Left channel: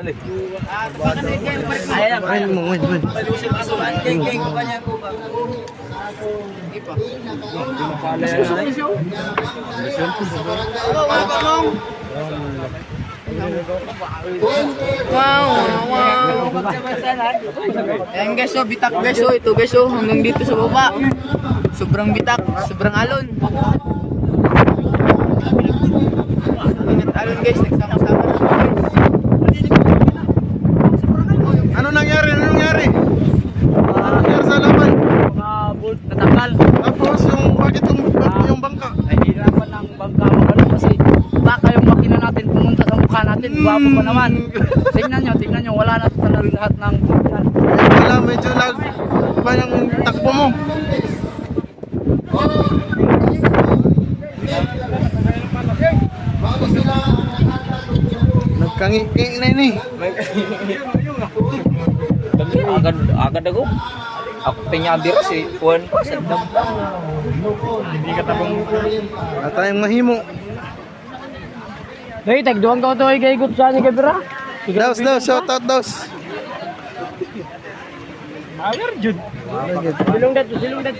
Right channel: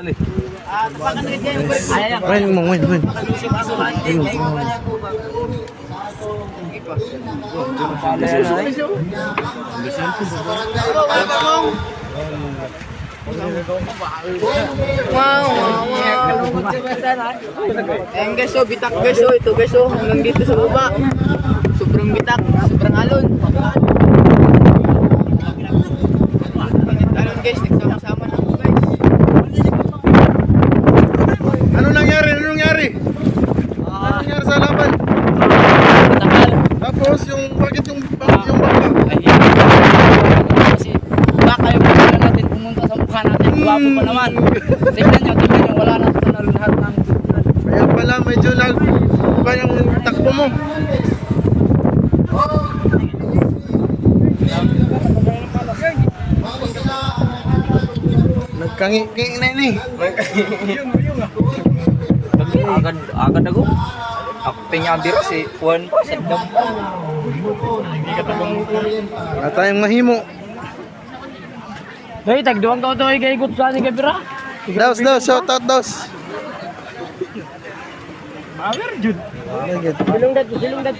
Tapakan na kayo yung break. Ay, mungwin. Wow. Ayan guys, so bitak guys, so ito guys, so hanggang dito sa baba. Sobrang bitak, sobrang alon. Alon guys, nagsama-sama na guys. Ano nangyari? Ano nangyari sa laban? Tagal. Tapos bakit yung baka? Ay, kasi baka yung pagkala natin pumunta sa mukha natin. Guwapo pa naman. Tingnan nyo, wala na sa lahat ng Kaya pala medyo pa yung takbo mo. Nagkangi-kangi na ini. agad ako. Ako pinyabiro si Juan pa sa dampa. Hindi ka tabang At tayong mahimo. Hey, tagduang ka ito ay gaygot sa ni Gabira. Daos, shout out daos. Mawer jud. Lagit. Silungdat,